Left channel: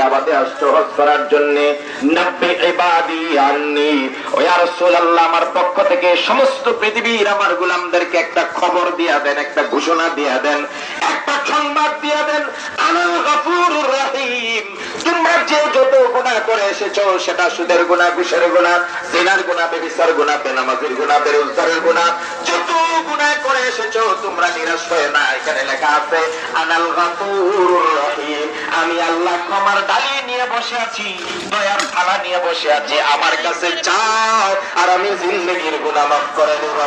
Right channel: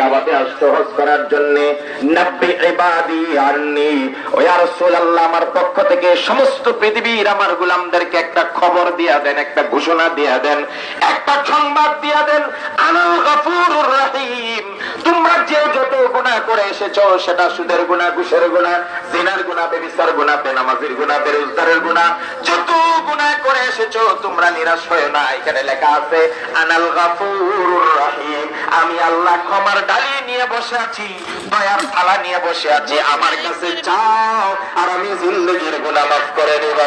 কাবাতে আসছো হজ করার জন্য, নাব্বি ইবাদি আন্নি, ও ইয়া রাসূলুল্লাহ আমার পক্ষ থেকে সমস্ত পৃথিবীর আমার গোলামদেরকে একটা খবর দিয়া দেন, একটা ঘোষণা দিয়া দেন, একটা সংবাদ দিয়া দেন, আনাল গফুরুর রহিম। তোমরা যে যত গুনাহ করে এসেছো, সেটা সুদের গুনাহ, ঘুষের গুনাহ, জিনার গুনাহ, ব্যভিচার গুনাহ, বেনামাজির গুনাহ, বেরোজগারের গুনাহ, যত গুনাহ করে এসেছো, তোমরা নিরাশ হয়ে না। এখানে লেখা আছে আনাল গফুরুর রহিম, আমি আল্লাহ ক্ষমার ডালি নিয়ে বসে আছি, দয়ার থালা নিয়ে বসে আছি, আমার কাছে চাও আর আমি জিন্দেগির গুনাহ মাফ করে দেব।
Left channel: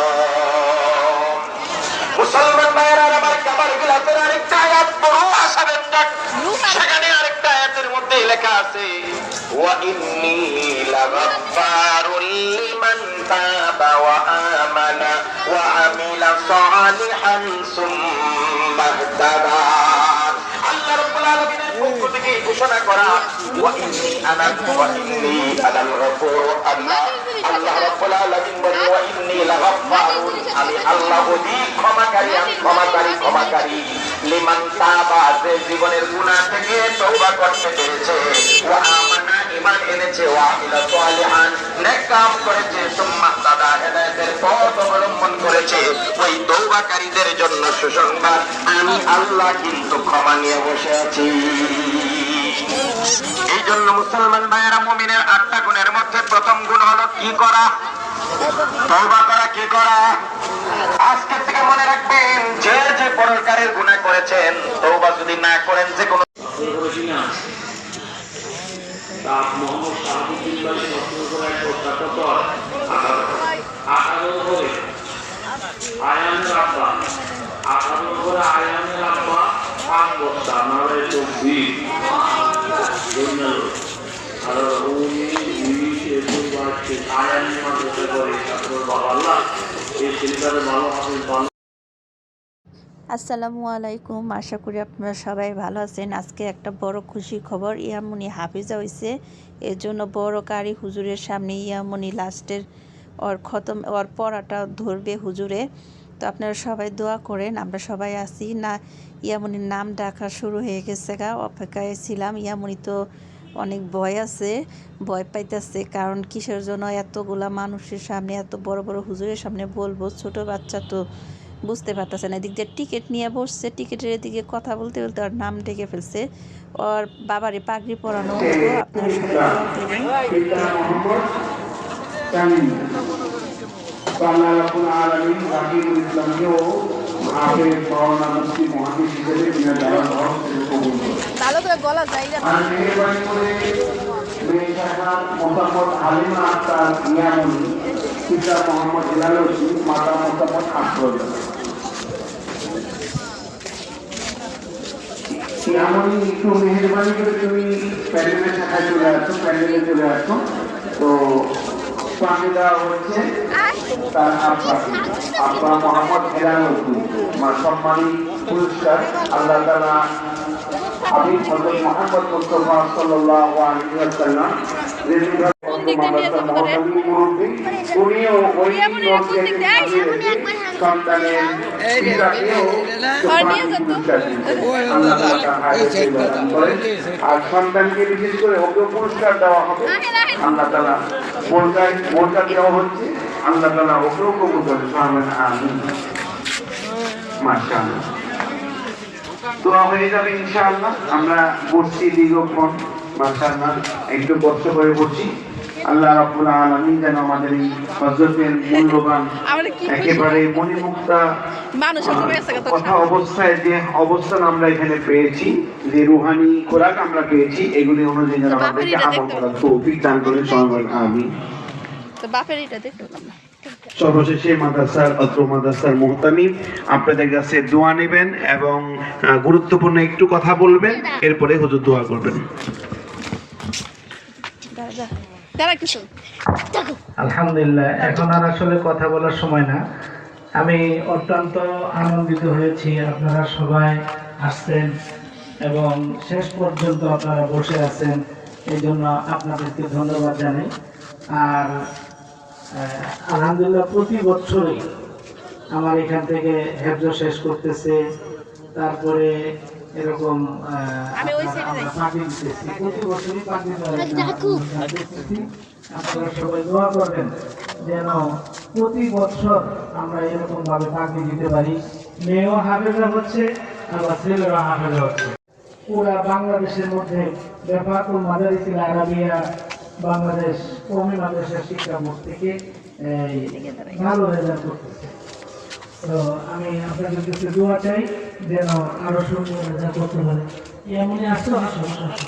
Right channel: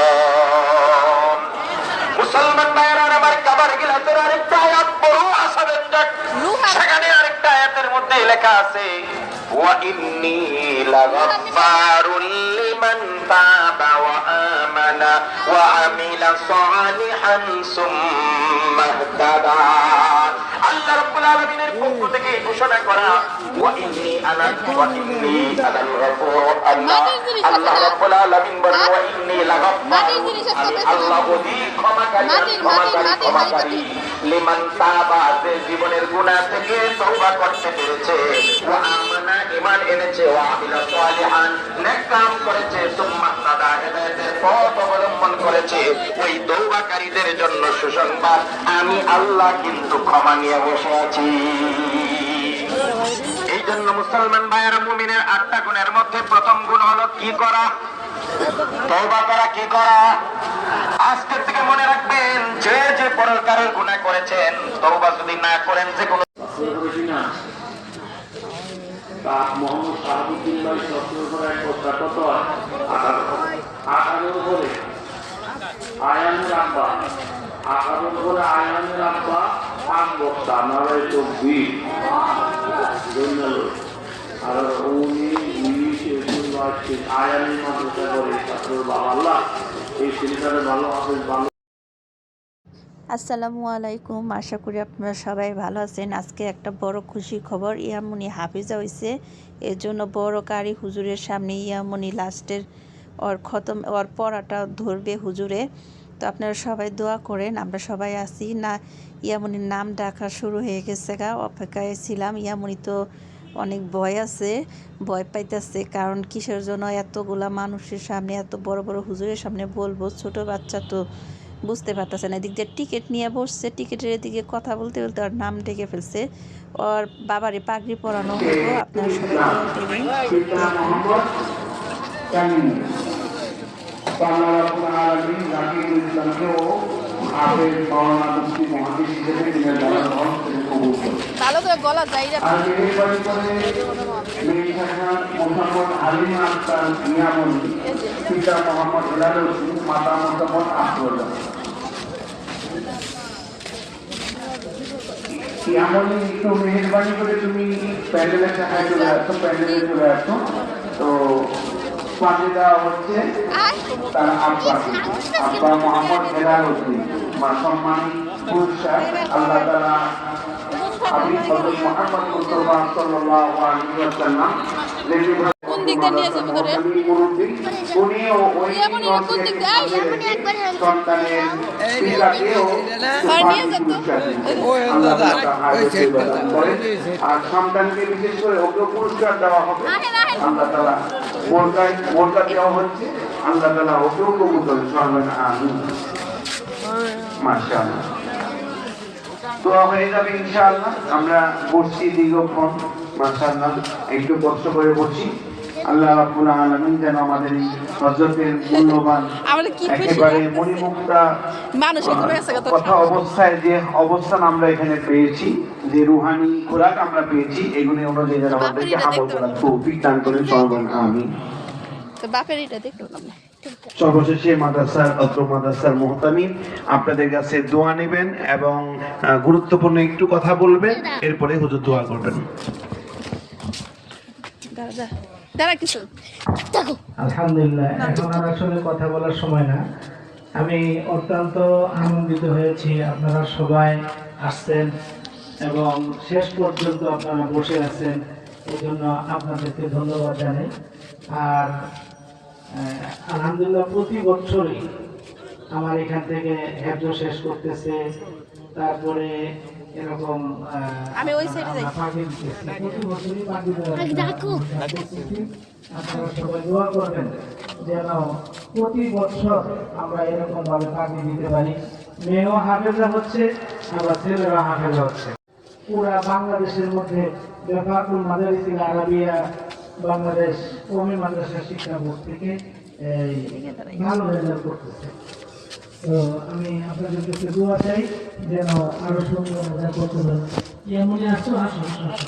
মুসলমান ভাইরা আমার কাবার গিলাফের আরেকটা আয়াত বড় আসাবের, সেখানে আরেকটা আয়াতের মধ্যে লেখা আছে ওয়া ইন্নী লাগাফফারুল লিমান তাবা ওয়া আমানা ওয়া আমিলা সালিহান সুম্মা ইহতাদা। আল্লাহ রাব্বুল আলামিনের পক্ষ থেকে ঘোষণা করা ওয়া ইন্নী আনাল গফুর, আল্লাহ রাব্বুল আলামিন বলেন ওয়া ইন্নী লাগাফফারুন, আমি আল্লাহ অধিক ক্ষমাকারী, ক্ষমাকারী লিমান তাবা, যে জীবনের গুনাহ থেকে তওবা করতে পেরেছে, ওয়া আমানা, ঈমান এনেছে, ওয়া আমিলা সালিহান, নেক কাম করেছে, সুম্মা ইহতাদা, হেদায়েতের পথ অবলম্বন করেছে, ওই তওবাকারীদের জন্য সুসংবাদ, আমি আল্লাহ কিন্তু ক্ষমা নিয়ে বসে আছি। এই জন্য মুসলমান ভাইয়েরা, মুমিনের 8টা গুণের মধ্যে প্রথম গুণ হলো কি করা? তওবা করা। কি করা? আজকে থেকে মনে রাখবেন, যে যে প্রকারের গুনাহ করেছেন, তওবা যদি না করেন, যে কোনো মোহাম্মদ শাহাবুদ্দিন ভাই সত্তর করে এক বস্তা কত 18 করে আয়ানের আব্বা, 18 করে আয়ানের আব্বা 5 বস্তা, নাহলে 24 আর উনি 20 আয়ানের মাদ্রাসা করে। তারপর আল্লাহ এই ছেলেটারে ভালো হাফেজ, ভালো। আসসালামু আলাইকুম, আশা করি আপনারা সবাই ভালো আছেন। আজকে একটা বড় খুশি খবর, ইয়ামনি হাফিজা হয়েছে। এর জন্য বড় কারি হুজুরের সামনে ইয়ামনি লাস্টের ওর পড়াটা ধরবে হুজুরে। তো আপনারা সবাই দোয়া করেন, আমরা সবাই আছি না। ইয়ামনির নাম ডাকা শুরু হয়ে গেছে, অপেক্ষায় ছিলাম। ইয়ামনি তো অনেক ভয় আছে, ভয় পাইতেছে, কারণ কিসের জন্য এতগুলা মানুষের সামনে, এত বড় বড় হুজুরের সামনে বলবো। ছোট বাচ্চা তো বুঝতে পারতেছে না। এদিক দিয়ে টিকিট নিয়ে বসছে, টিকিটের এদিকে কথা বলতে বলতে ওর নাম ডেকে ফেলছে। ওর বাবারে পাগড়ি পরানো হইব, আপনারা সবাই দোয়া করবেন। ভালো করে বলা যায় না। মোহাম্মদ হালিমা আক্তার ইয়ামনি, পিতা মোহাম্মদ হেলালুদ্দিন, মাতা মোহাম্মদ আফরোজ। ইয়ামনি, একটু মেহেরবানি করে তুমি প্যান্ডেলের সাথে চলে আসো, প্যান্ডেলে চলে আসো। তো পাশে দেওয়া হচ্ছে আব্বা মোহাম্মদ হেলালুদ্দিন, সম্মানী পুরস্কার। আল্লাহ তাআলা হাবিব হযরত মুহাম্মদ মুস্তাফা সাল্লাল্লাহু আলাইহি ওয়াসাল্লাম সন্তানকে বিশেষ করে ওকে পুরস্কার দেওয়া হবে। আল্লাহ তাআলা মোরকা দেওয়া হচ্ছে, আল্লাহ তাআলা ওকেও কবুল করে। আমিন। মাশাআল্লাহ, দোয়া হয়ে যাবে ইনশাআল্লাহ। আমরা বসছি দীর্ঘক্ষণ, মাশাআল্লাহ, একটু কষ্ট করে বসি। আল্লাহ রাব্বুল আলামিন যেন আমাদের এই হযরতের মূল্যবান একেবারে মণিমুক্তা কথা অবস্থায়, যে অবস্থান আমরা এখানে পেয়েছি, যে রুহানি খোরাক আমরা পেয়েছি, এগুলি অনুযায়ী যেন আমাদেরকে আমল করার তৌফিক দান করেন। সবাই আমিন। তো বাপের এটা দেখো না। সর্বশেষে মাদ্রাসার মুহতামিম আপনাদের কাছে দোয়া নেবেন এবং গুরুত্বপূর্ণ একটু কথা বলবেন, এরপরে হুজুর দোয়া করবেন। আলহামদুলিল্লাহ, এখন আর আসলে কথা বলার সময় না। আমি অত্যন্ত আনন্দিত হয়েছি, আপনারা সবাই আসছেন এবং শেষ পর্যন্ত আপনারা বসে আছেন, এই জন্য আপনাদেরকে ধন্যবাদ জানাই। আর আলহামদুলিল্লাহ, প্রতি বছরই আমার এখান থেকে হেফজ শেষ করতেছে, তারপরে এরকম প্রতি বছরই আপনারা সবাই দোয়া করবেন যেন প্রতি বছর আমরা এরকম ভাবে পাগড়ি দিতে পারি। মেয়েও হাফেজা হচ্ছে, আমরা ছেলেরা হাফেজা হচ্ছে। পুরা বাংলাদেশের মধ্যে বেফাকুল মাদারিসিল আরাবিয়া বাংলাদেশ কওমি মাদ্রাসা শিক্ষা বোর্ড থেকে ভালো রেজাল্ট করতেছে। তো আমি আপনাদের কাছে দোয়া চাই যেন আরো সুন্দর যা করতে পারে। এমনই আসো আসো আসো আসো।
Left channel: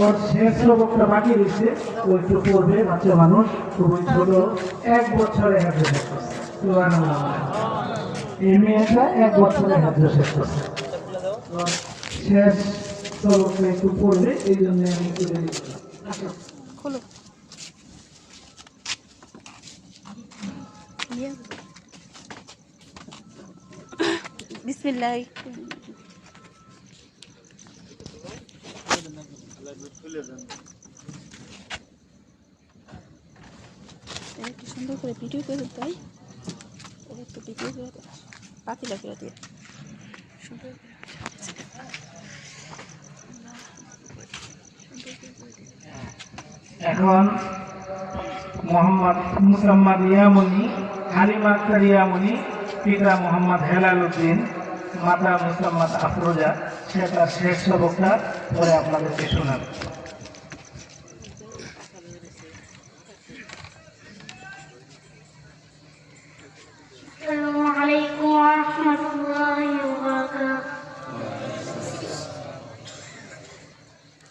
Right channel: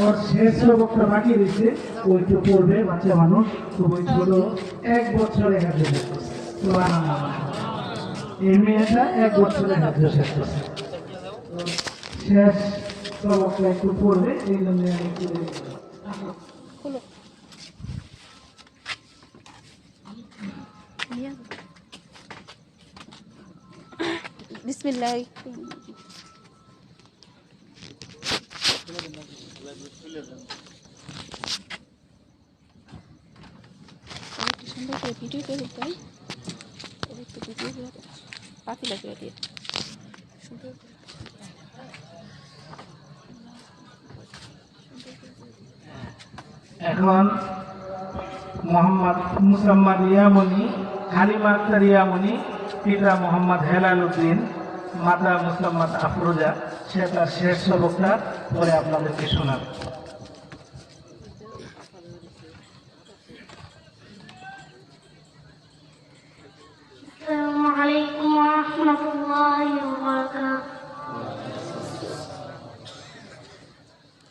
ওর শেষ সবকটা বাকি রয়েছে, ও একটু পড়বে, বাচ্চা মানুষ, খুবই ছোট, 1 বছরে হাফেজ শেষ করছে। সুবহানাল্লাহ। এই মেয়েটা 1 বছরে হাফেজ শেষ করছে। ওর শেষ সবকটা একটু পড়বে, এই জন্য আমি একটু দেরি করলাম। আসো। খোলো। বিসমিল্লাহ। একটু সুন্দর করে ভিডিও করে তাই একটু ভিডিও করে পাতি লাগিয়ে দিয়ে সুন্দর করে। এখন মোহাম্মদ মুসাম্মদ ইয়ামনি, হালিমা আক্তার ইয়ামনি, পিতা মোহাম্মদ হেলাল উদ্দিন, মাতা মুসাম্মদ আফরোজা, সে তার শেষ সবকটা পরে আপনাদেরকে শোনাবে। السلام عليكم ورحمة الله وبركاته.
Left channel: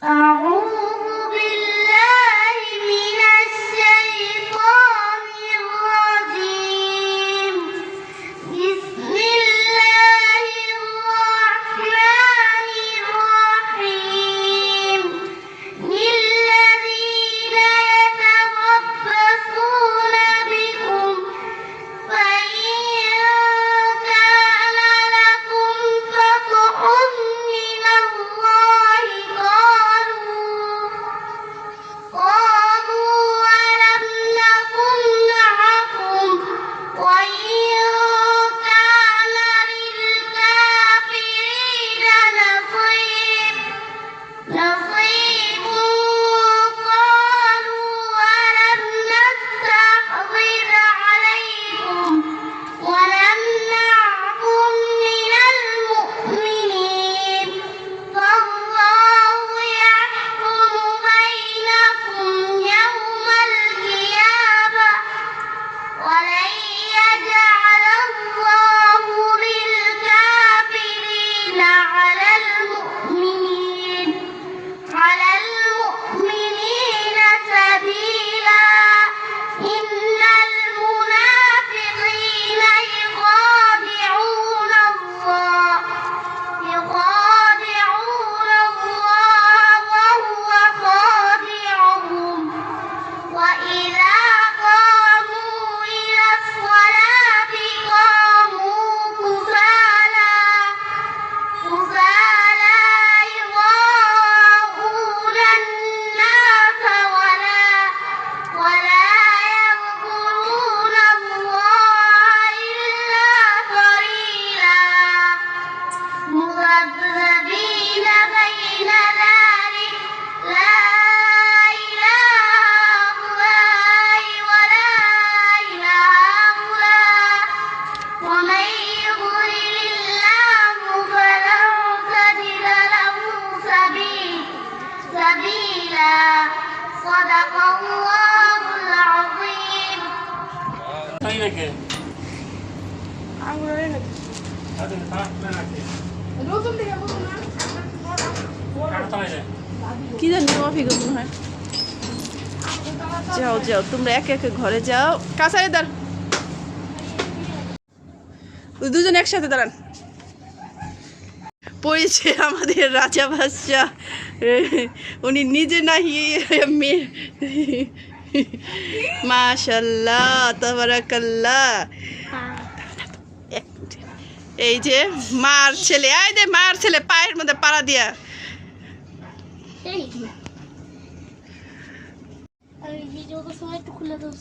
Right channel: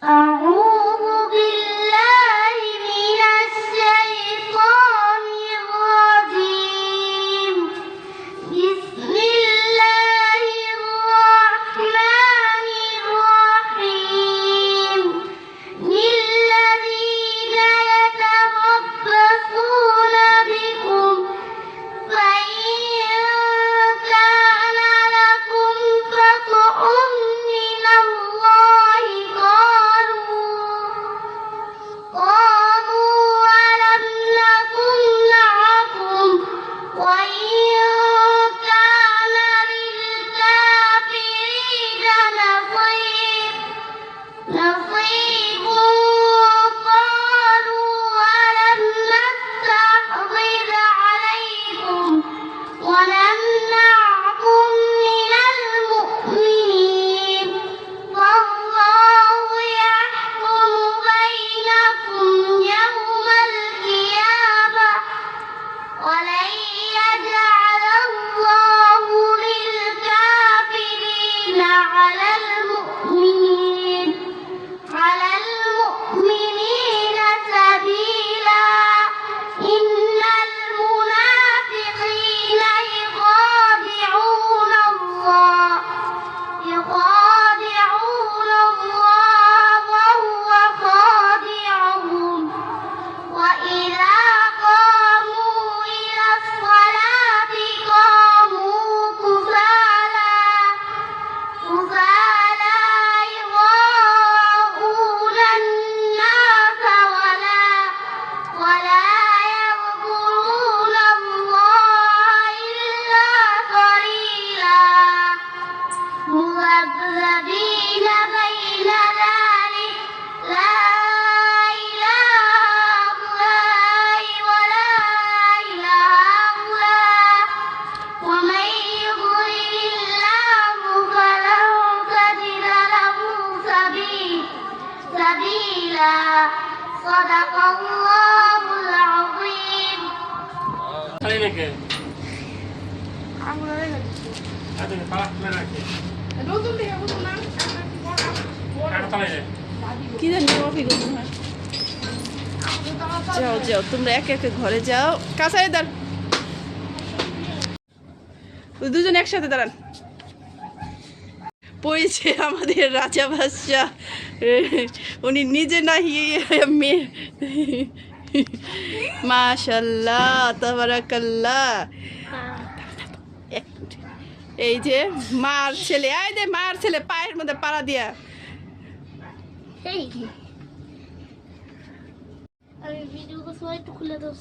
أعوذ بالله من الشيطان الرجيم. بسم الله الرحمن الرحيم. للذين يتربصون بكم فإن كان لكم فتح من الله قالوا ألم نكن معكم وإن كان للكافرين نصيب قالوا ألم نستحوذ عليكم ونمنعكم من المؤمنين فالله يحكم بينكم يوم القيامة ولن يجعل الله للكافرين على المؤمنين سبيلا إن المنافقين يخادعون الله وهو خادعهم وإذا قاموا إلى الصلاة قاموا كسالى يراءون الناس ولا يذكرون الله إلا قليلا مذبذبين بين ذلك لا إله هؤلاء ولا إله هؤلاء ومن يضلل الله فلن تجد له سبيلا صدق الله العظيم. কি জানি যাও যাও তোমরা একে একে ঘরে যাও। কাছারে দাঁড়, দুজন একসাথে দাঁড়ান। পড়েছে আমাদের রাজা বাদশাহ, উনি নিজে না মেয়ে। মাশাল্লাহ তাবারাকাল্লাহ। এই যে মার ছেলে, এই যে মার ছেলে পায়ের মধ্যে পাড়া দিয়া। ভিডিও তো সবাই একটু খুলে দাও।